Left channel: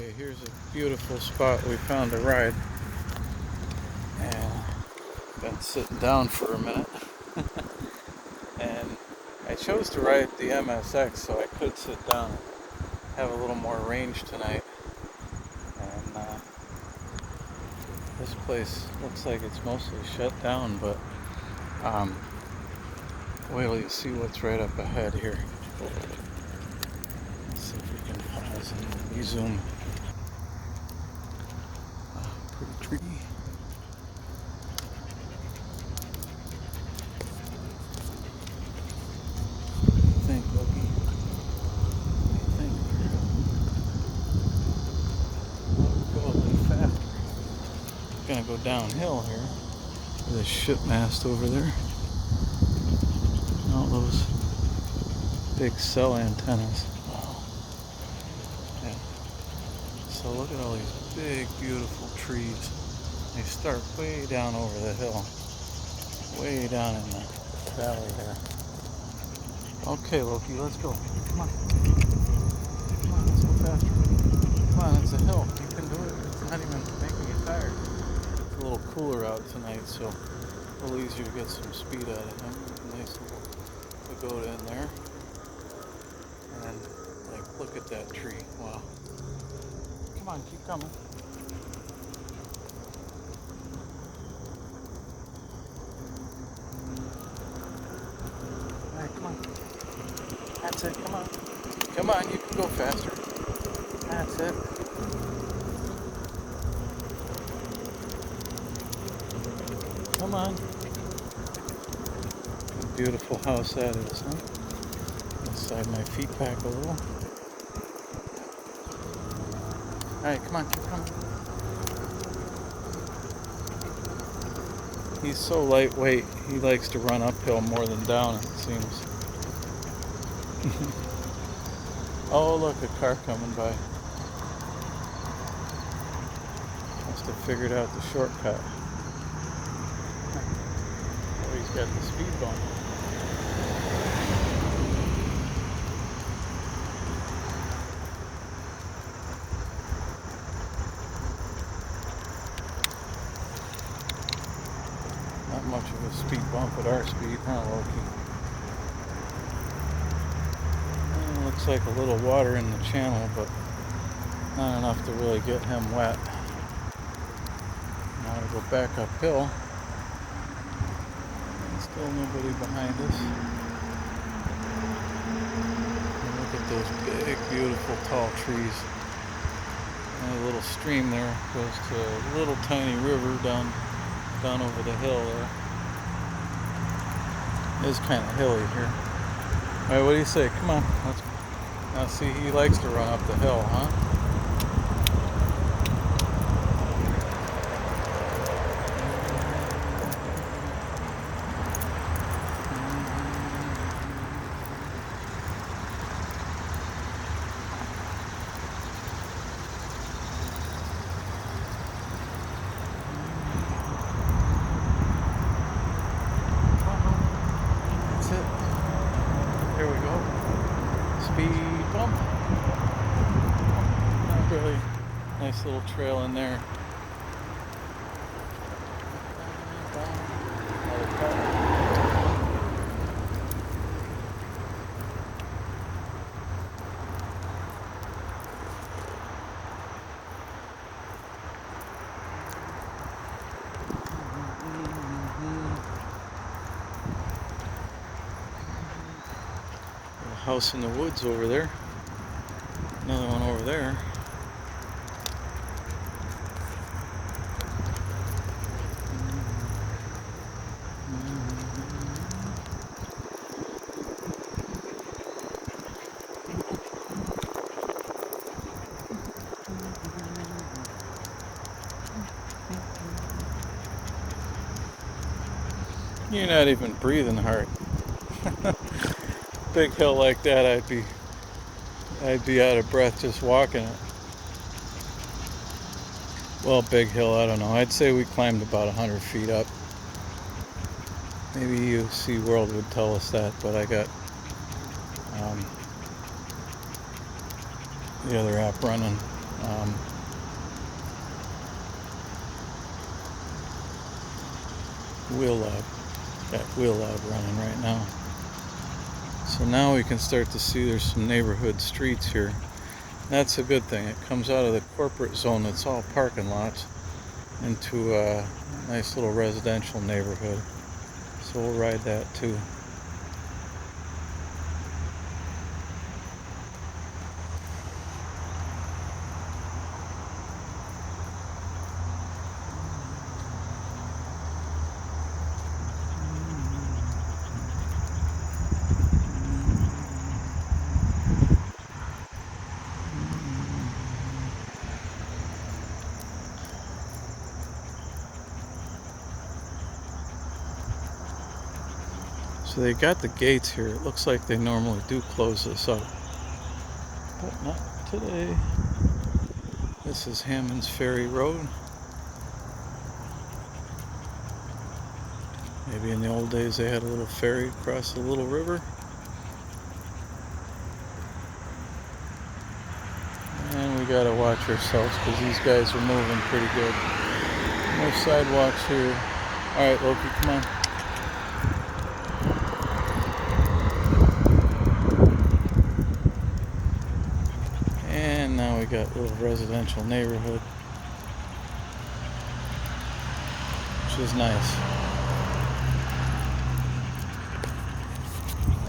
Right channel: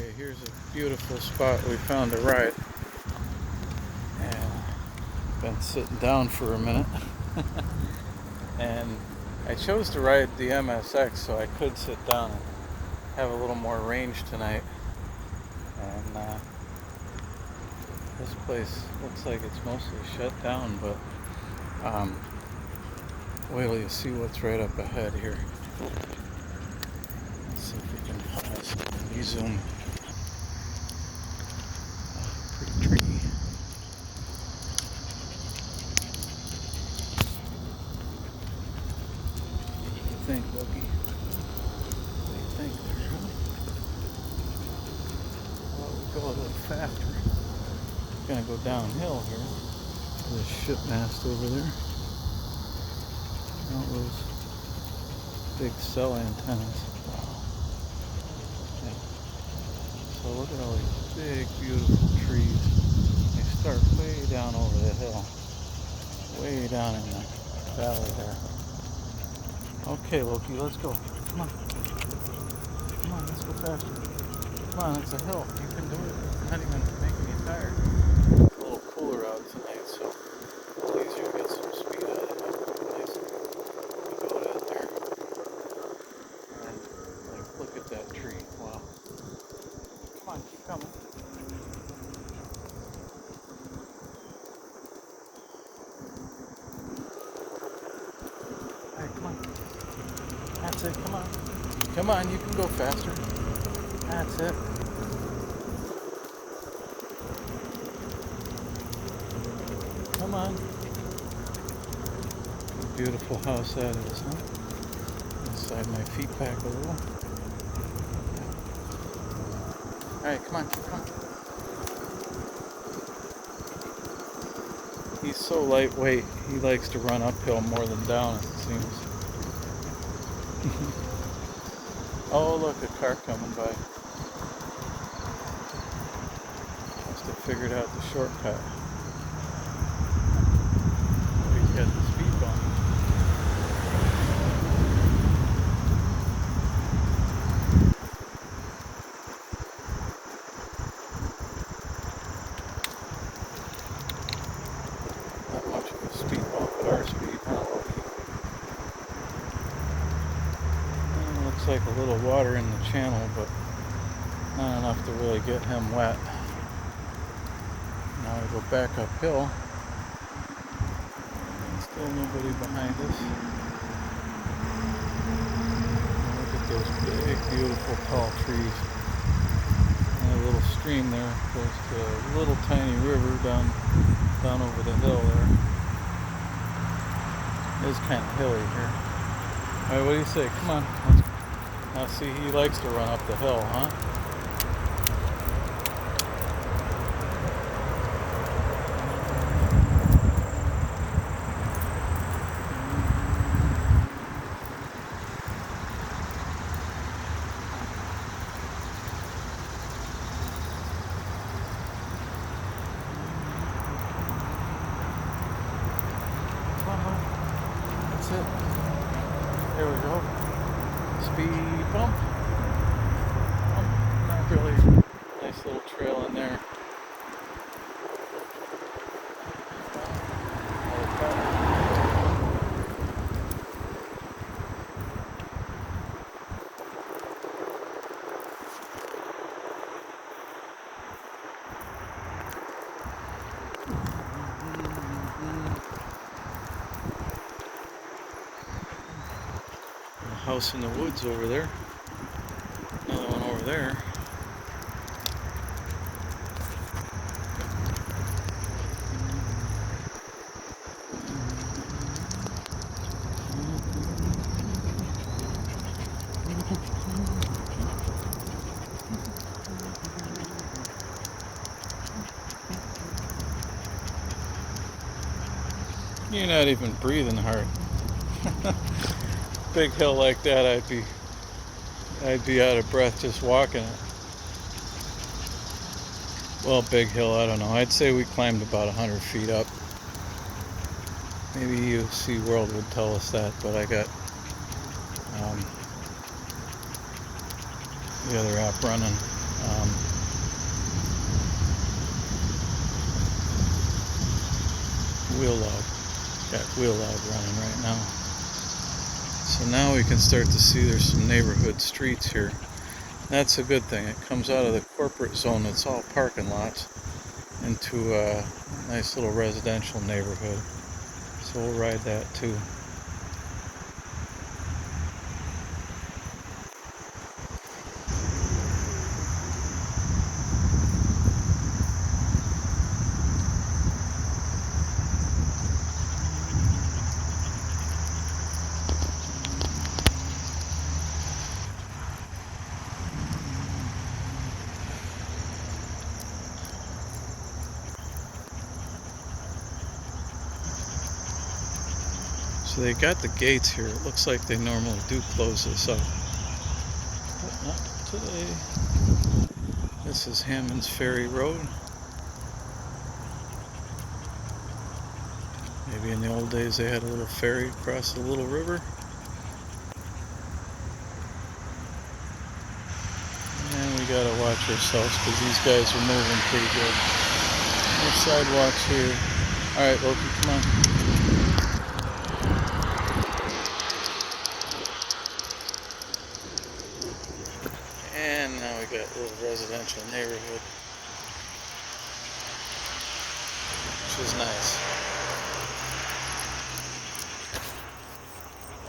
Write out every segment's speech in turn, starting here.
Okay, here's a beautiful spot we found to ride. Been sitting down for a minute. And I chose to ride the MSX so I could sit down and have a little more range tonight. And this place looks like it's mostly shut down, but wait till you see what's right up ahead here. Let's see if we can pause and rezoom. Pretty tree. What do you think, Loki? What do you think there? Well, we go a little faster. We're gonna go downhill here. There's a ship mast over there. All those big cell antennas. Yeah. So look at all these big, beautiful trees. They start way down over the hill. Way down in the valley there. Okay, Loki, let's go. Come on. Come on, let's go faster. Come on, it's a hill. You can do it. It's not even making you tired. It's a little cooler out tonight, so a little easier to get some speed out of it. Nice to go in there. And like, look at that tree. Wow. Come on, keep coming. Hey, come on. That's it, come on. Come on, you can go faster. That's it. Come on. What a beautiful house that is, huh? Inside my feet back a little. Alright, come on, keep coming. He's so lightweight, he likes to run uphill more than down, it seems. Oh, look, a car coming by. Must have figured out the shortcut. Oh, he's got the speed bump. Not much of a speed bump at our speed, huh, Loki? Looks like a little water in the channel, but not enough to really get him wet. Now we go back uphill. Still nobody behind us. And look at those big, beautiful, tall trees. And a little stream there goes to a little tiny river down over the hill there. It is kind of hilly here. Alright, what do you say? Come on. Now see, he likes to run up the hill, huh? That's it. Here we go. Speed bump. Not really. Nice little trail in there. House in the woods over there. Another one over there. You're not even breathing hard. Big hill like that, I'd be out of breath just walking it. Well, big hill, I don't know. I'd say we climbed about 100 feet up. Maybe EUC World would tell us that, but I got the other app running. wheel log. Got wheel log running right now. So now we can start to see there's some neighborhood streets here. That's a good thing. It comes out of the corporate zone that's all parking lots into a nice little residential neighborhood. So we'll ride that too. So they got the gates here. It looks like they normally do close this up, but not today. This is Hammond's Ferry Road. Maybe in the old days they had a little ferry across the little river. And we gotta watch ourselves because these guys are moving pretty good. No sidewalks here. Alright, Loki, come on. And now we got a little residential neighborhood, which is nice.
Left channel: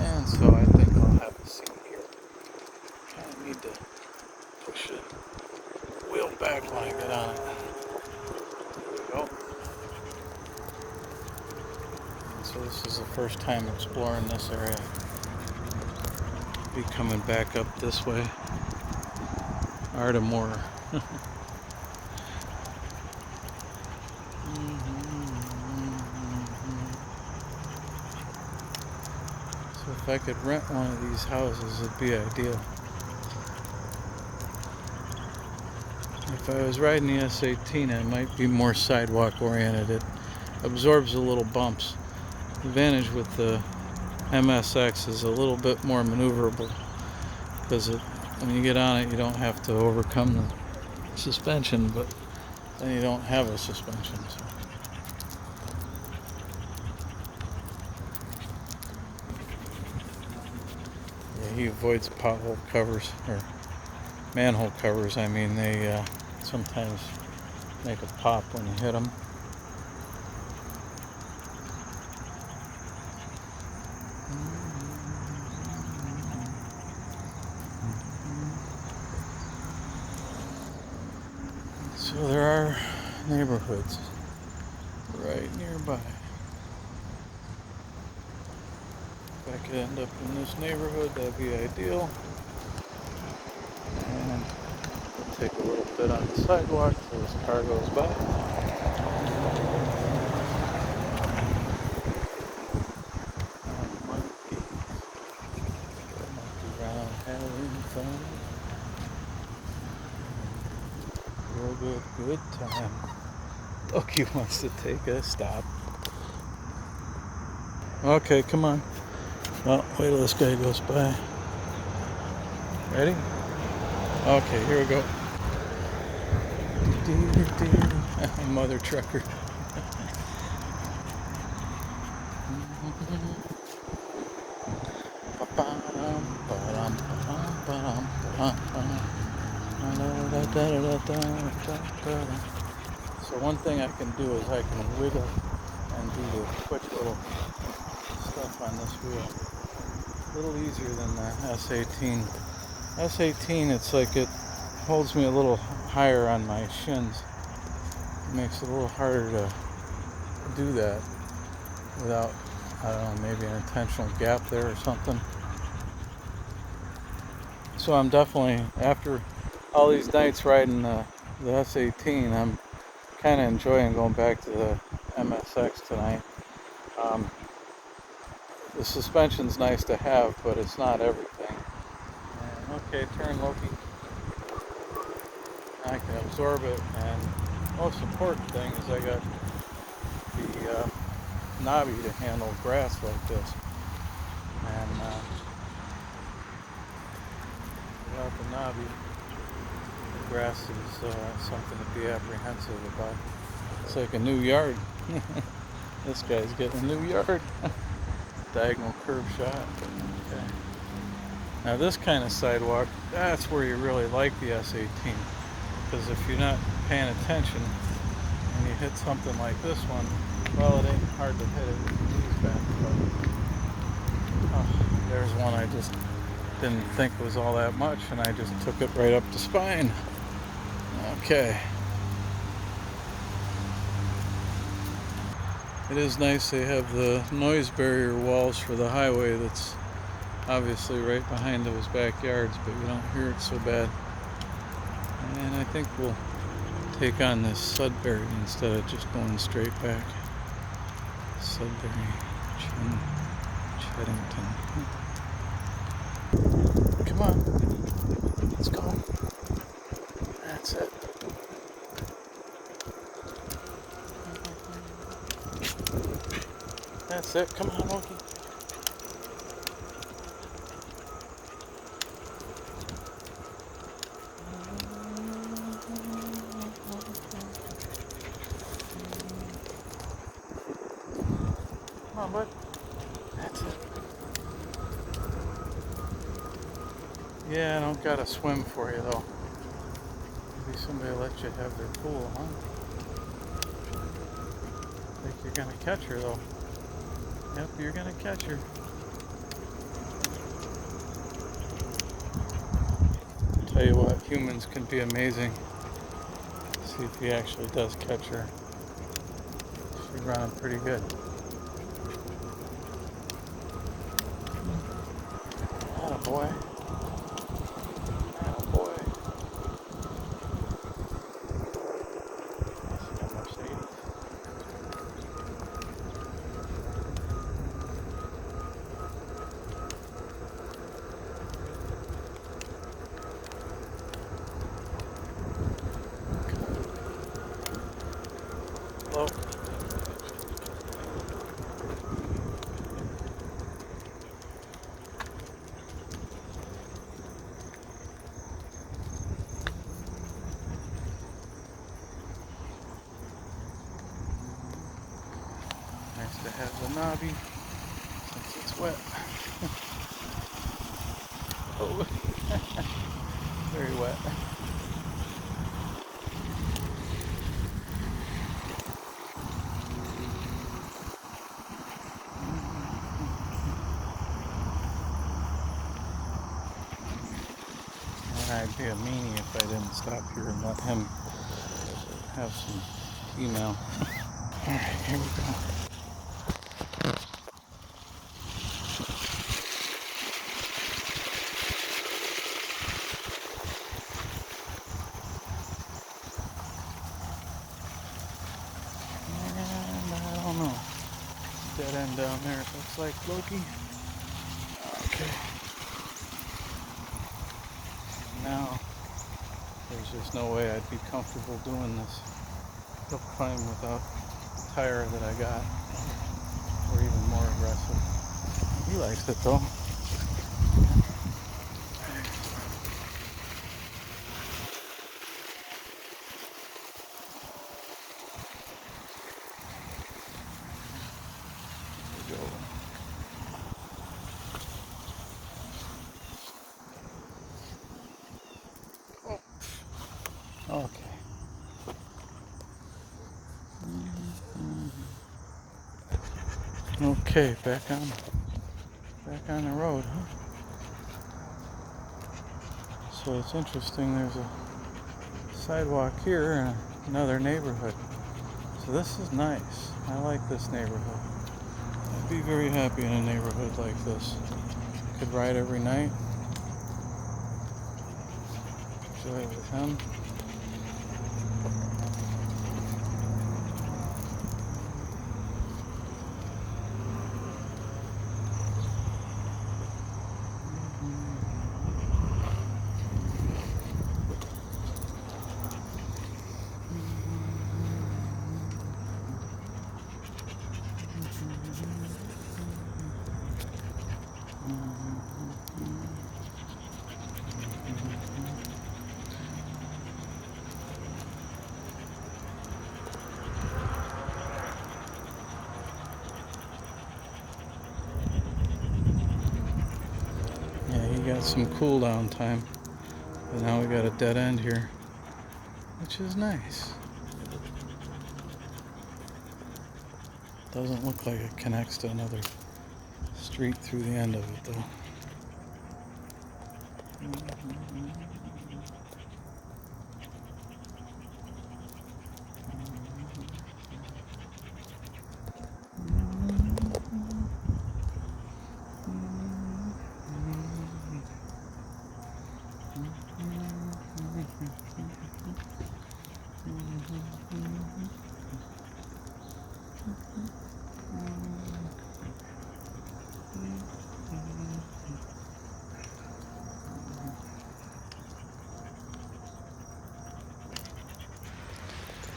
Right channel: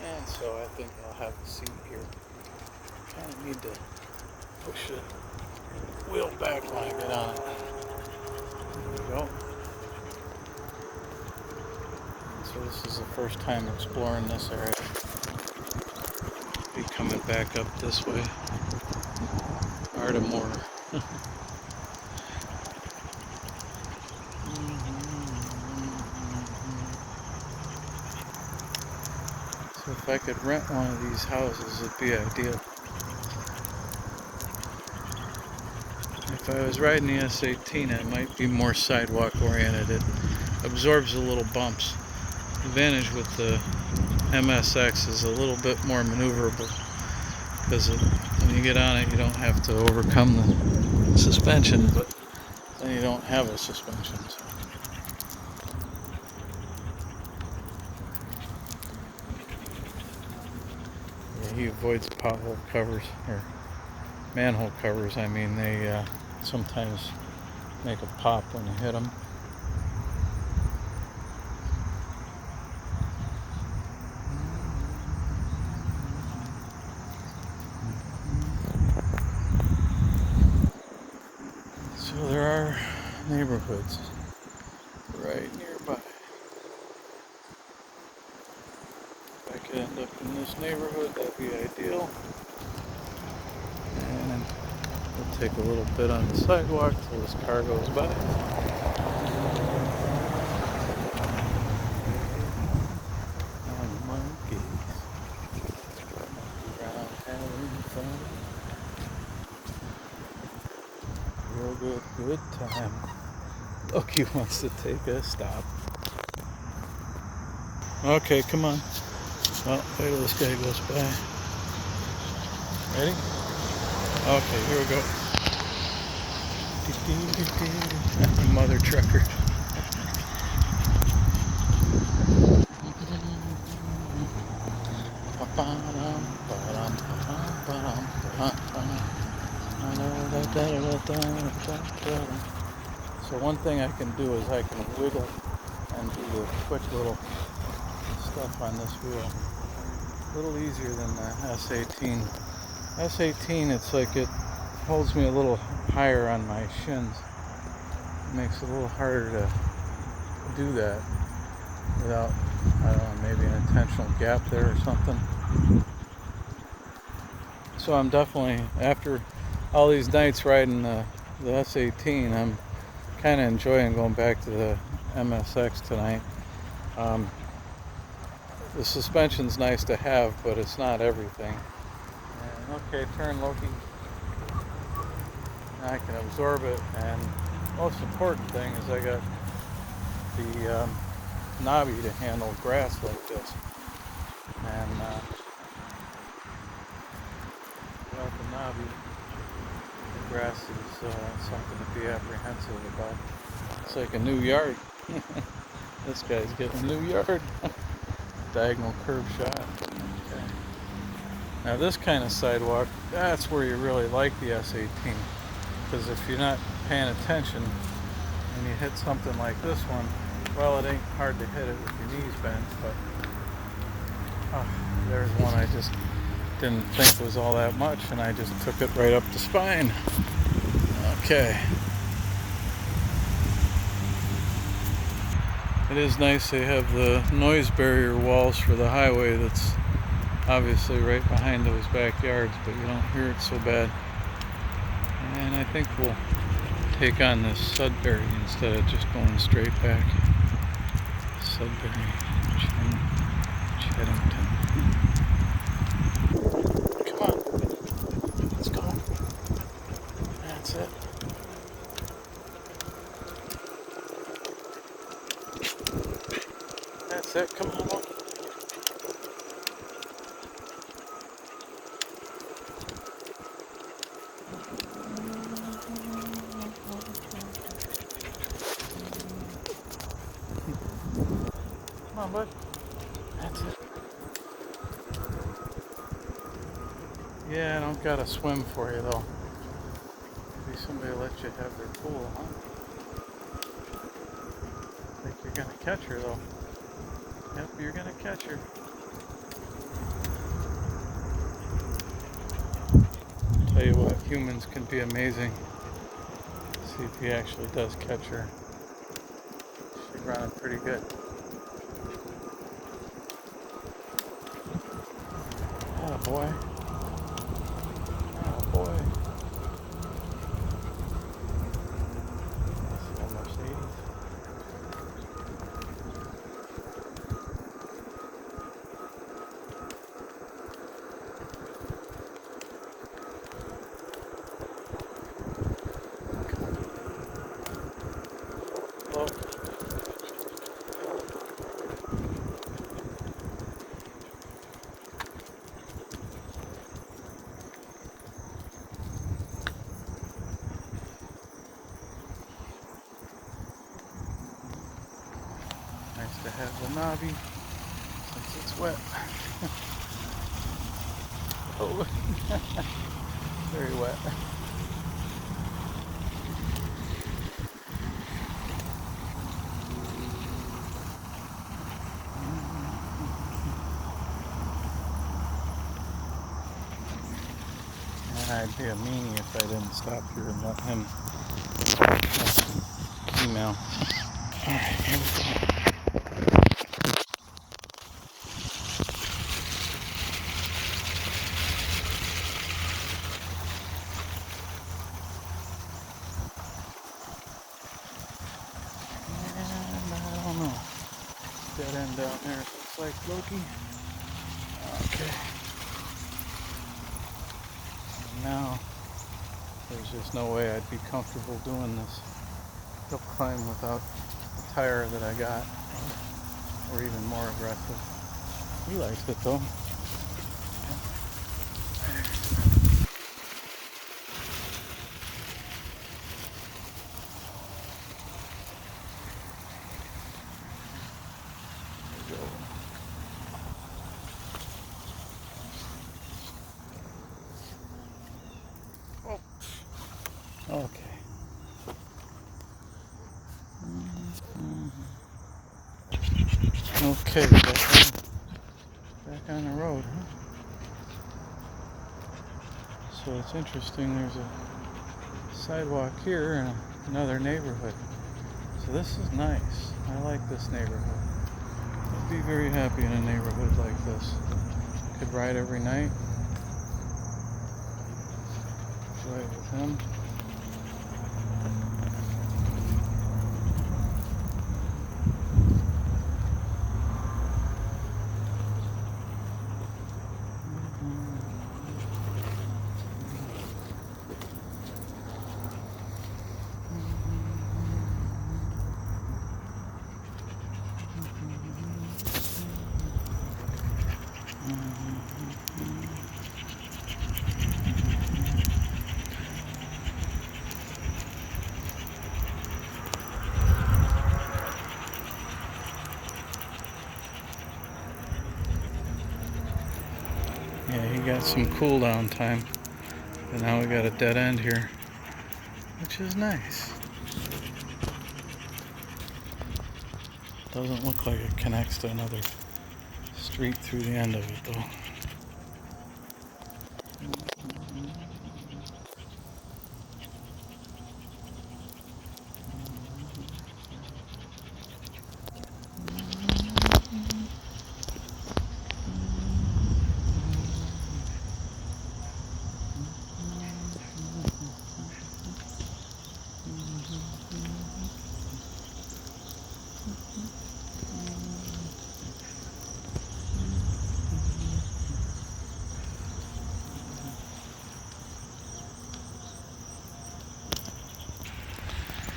And so I think I'll have a seat here. Kind of need to push the wheel back when I get on it. There we go. And so this is the first time exploring this area. Be coming back up this way. Baltimore. So if I could rent one of these houses, it'd be ideal. If I was riding the S18, it might be more sidewalk oriented. It absorbs the little bumps. The advantage with the MSX is a little bit more maneuverable because when you get on it, you don't have to overcome the suspension, but then you don't have a suspension. So. Yeah, he avoids pothole covers, or manhole covers. I mean, they sometimes make a pop when you hit them. So there are neighborhoods right nearby. If I could end up in this neighborhood, that'd be ideal. And we'll take a little bit on the sidewalk till this car goes by. And monkey. Monkey around having fun. Real good time. Loki wants to take a stop. Okay, come on. Well, wait till this guy goes by. Ready? Okay, here we go. Mother trucker. So one thing I can do is I can wiggle and do the quick little stuff on this wheel. A little easier than the S18. S18, it's like it holds me a little higher on my shins. It makes it a little harder to do that without, I don't know, maybe an intentional gap there or something. So I'm definitely, after all these nights riding the S18, I'm kind of enjoying going back to the MSX tonight. The suspension's nice to have, but it's not everything. And okay, turn, Loki. I can absorb it, and most important thing is I got the knobby to handle grass like this. And without the knobby, grass is something to be apprehensive about. It's like a new yard. This guy's getting a new yard. Diagonal curb shot. Okay. Now this kind of sidewalk, that's where you really like the S18. Because if you're not paying attention and you hit something like this one, well, it ain't hard to hit it with your knees bent, but there's one I just didn't think was all that much, and I just took it right up the spine. Okay. It is nice they have the noise barrier walls for the highway that's obviously right behind those backyards, but you don't hear it so bad. And I think we'll take on this Sudbury instead of just going straight back. Sudbury, Cheddington. Come on, let's go. That's it. That's it. Come on, Loki. Come on, bud. That's it. Yeah, I don't gotta swim for you though. Maybe somebody will let you have their pool, huh? I think you're gonna catch her though. Yep, you're gonna catch her. Tell you what, humans can be amazing. See if he actually does catch her. She's running pretty good. Attaboy. Attaboy. See how much they eat. Hello. Nice to have the knobby since it's wet. Oh, very wet. I'd be a meanie if I didn't stop here and let him have some email. Alright, here we go. And I don't know. Dead end down there, it looks like, Loki. Okay. Now, there's just no way I'd be comfortable doing this hill climb without the tire that I got, or even more aggressive. He likes it though. Okay. Okay, back on the road, huh? So it's interesting, there's a sidewalk here in another neighborhood. So this is nice. I like this neighborhood. I'd be very happy in a neighborhood like this. Could ride every night. Enjoy it with him. got some cool down time. And now we got a dead end here, which is nice. Doesn't look like it connects to another street through the end of it though.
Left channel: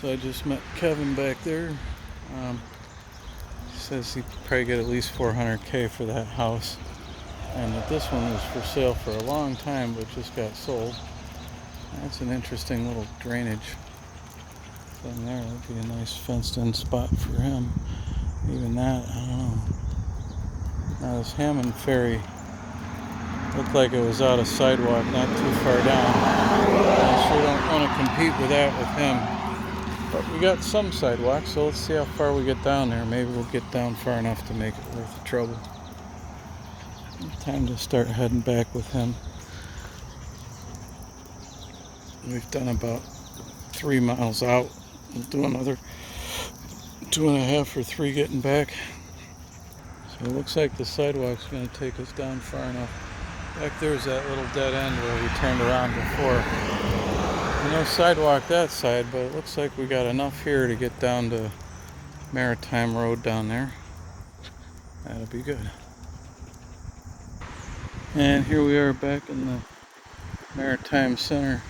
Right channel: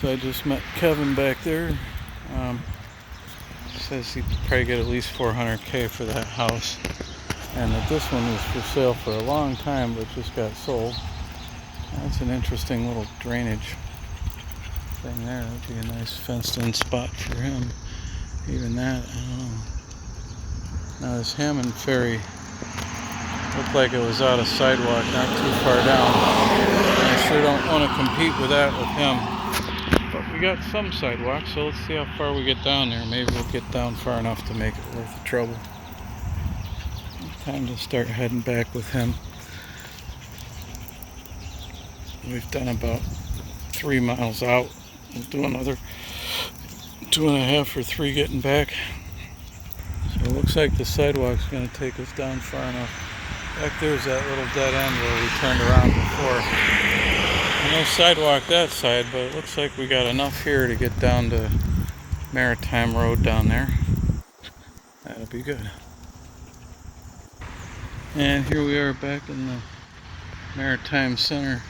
So I just met Kevin back there. Says he'd probably get at least $400K for that house, and that this one was for sale for a long time but just got sold. That's an interesting little drainage thing there. That'd be a nice fenced-in spot for him. Even that, I don't know. Now this Hammond Ferry looked like it was out of sidewalk, not too far down. And I sure don't want to compete with that with him. But we got some sidewalk, so let's see how far we get down there. Maybe we'll get down far enough to make it worth the trouble. Time to start heading back with him. We've done about 3 miles out. We'll do another 2.5 or 3 getting back. So it looks like the sidewalk's going to take us down far enough. Back there's that little dead end where we turned around before. No sidewalk that side, but it looks like we got enough here to get down to Maritime Road down there. That'll be good. And here we are back in the Maritime Center.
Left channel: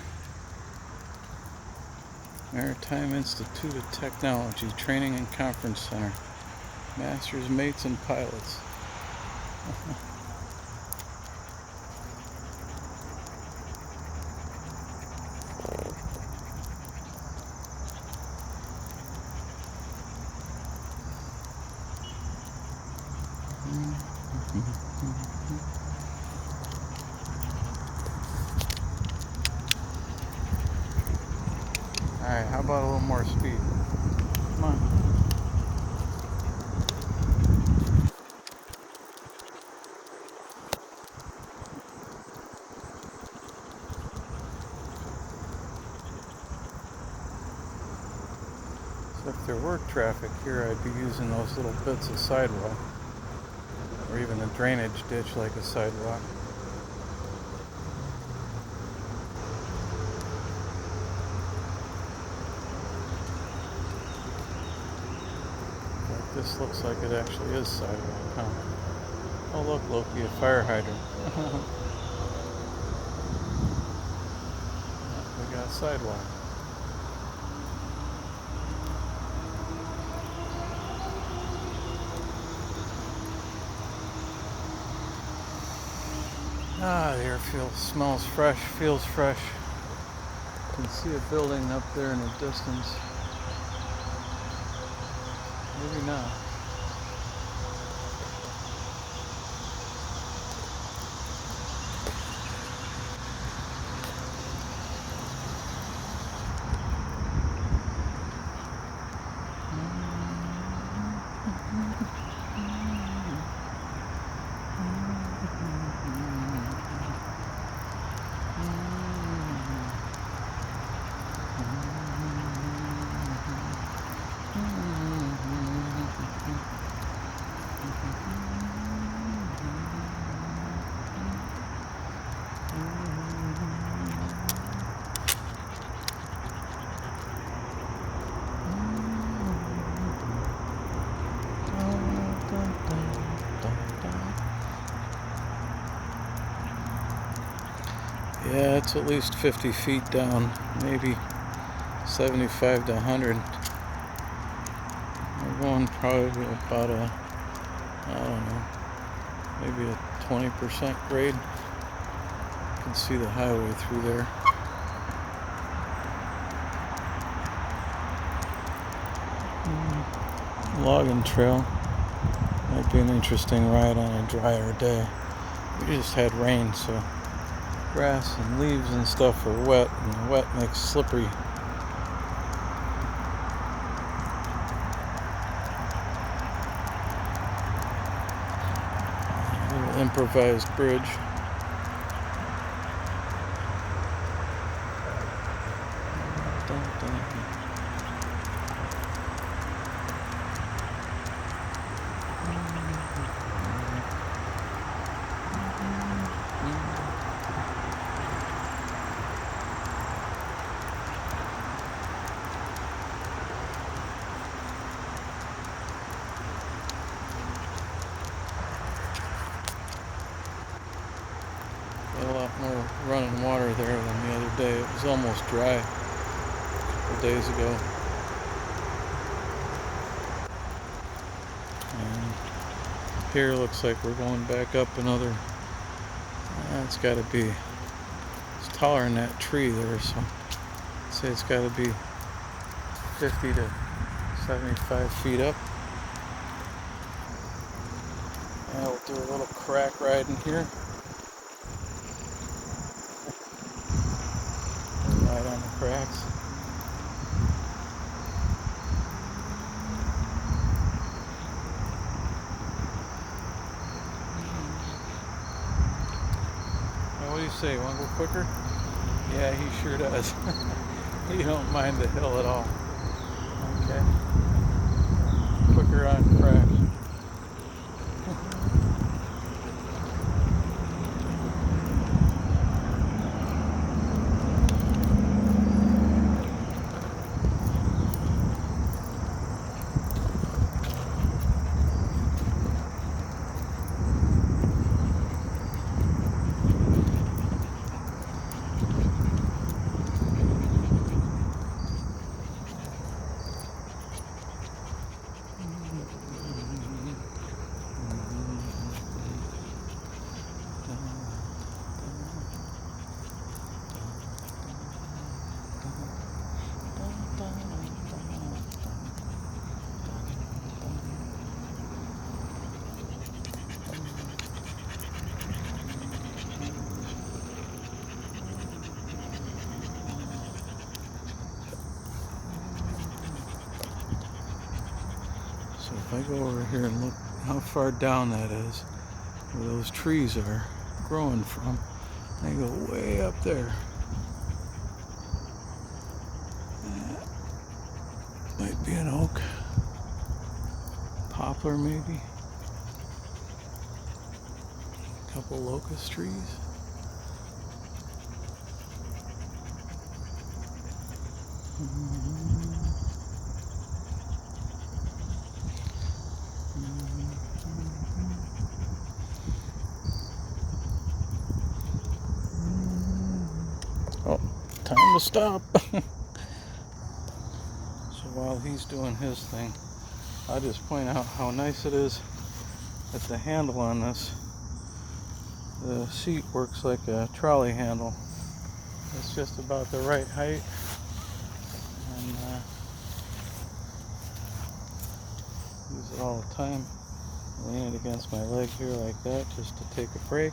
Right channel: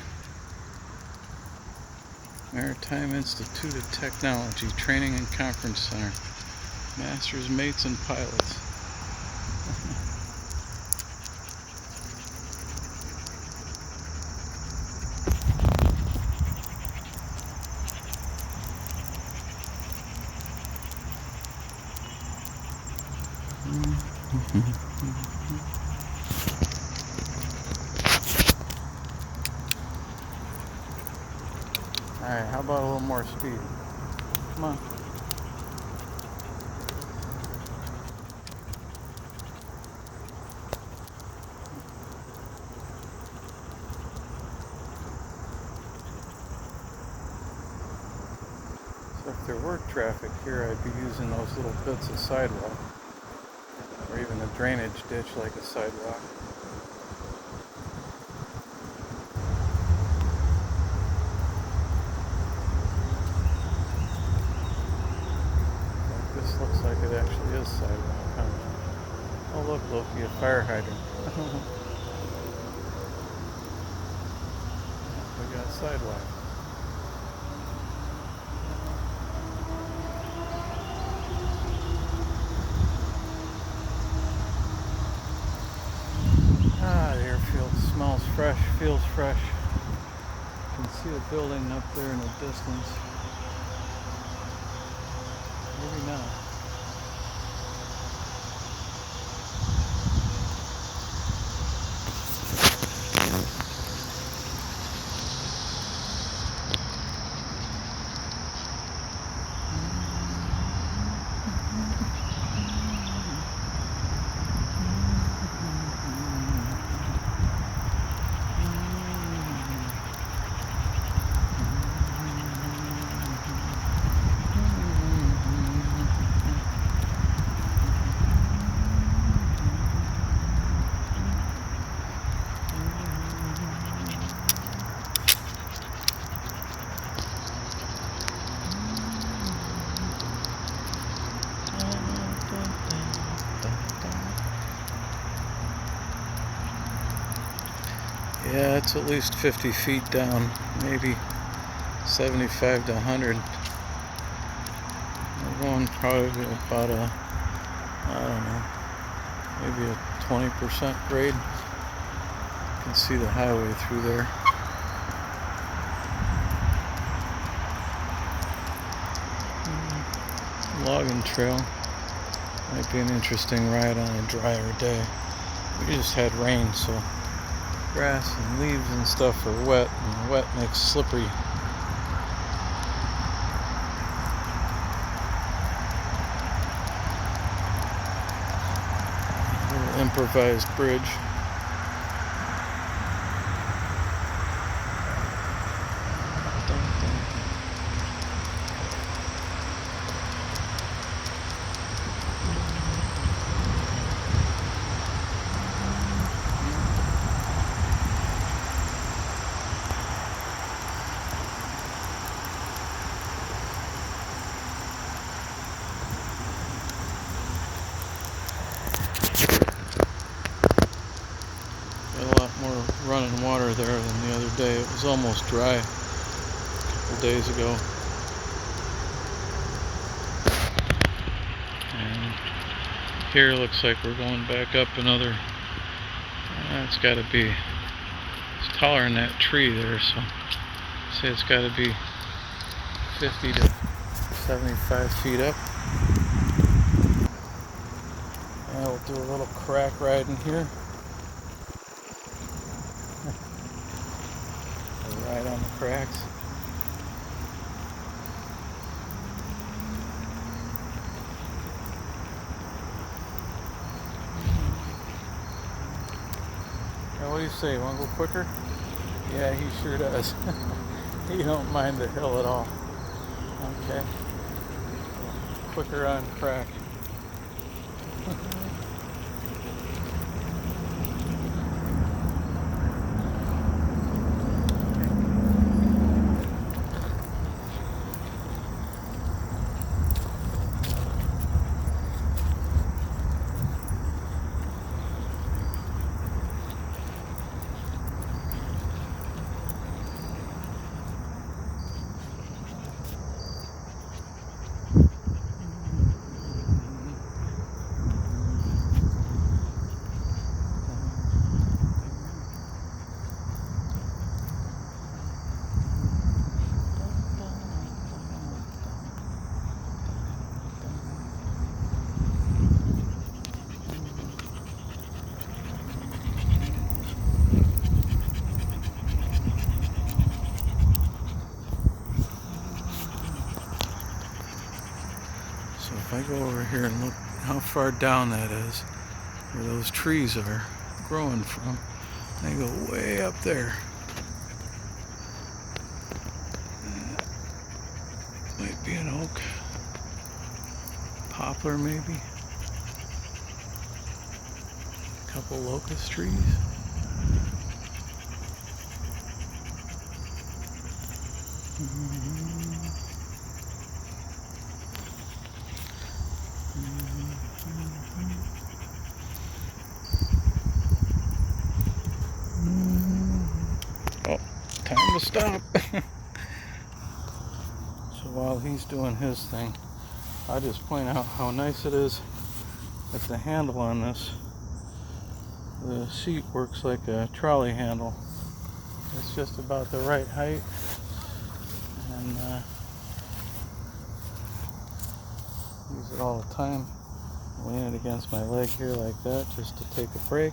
Maritime Institute of Technology Training and Conference Center. Masters, mates, and pilots. Alright, how about a little more speed? Come on. So if there were traffic here, I'd be using those little bits of sidewalk. Or even a drainage ditch like a sidewalk. But this looks like it actually is sidewalk, huh? Oh look, Loki, a fire hydrant. We got sidewalk. Ah, the air smells fresh, feels fresh. You can see a building up there in the distance. Maybe not. Yeah, it's at least 50 feet down, maybe 75 to 100. We're going probably about a, I don't know, maybe a 20% grade. You can see the highway through there. Logging trail. Might be an interesting ride on a drier day. We just had rain, so grass and leaves and stuff are wet, and wet makes slippery. Little improvised bridge. A lot more running water there than the other day. It was almost dry a couple days ago. And here looks like we're going back up another, it's got to be, it's taller than that tree there, so I'd say it's got to be 50 to 75 feet up. And we'll do a little crack ride in here. Right on the cracks. Now, what do you say? Want to go quicker? Yeah, he sure does. He don't mind the hill at all. Okay. Quicker on crack. So if I go over here and look how far down that is, where those trees are growing from, they go way up there. That might be an oak, poplar maybe, a couple locust trees. Oh, time to stop. So while he's doing his thing, I'll just point out how nice it is that the handle on this, the seat works like a trolley handle. It's just about the right height, and use it all the time. Lean it against my leg here like that just to take a break.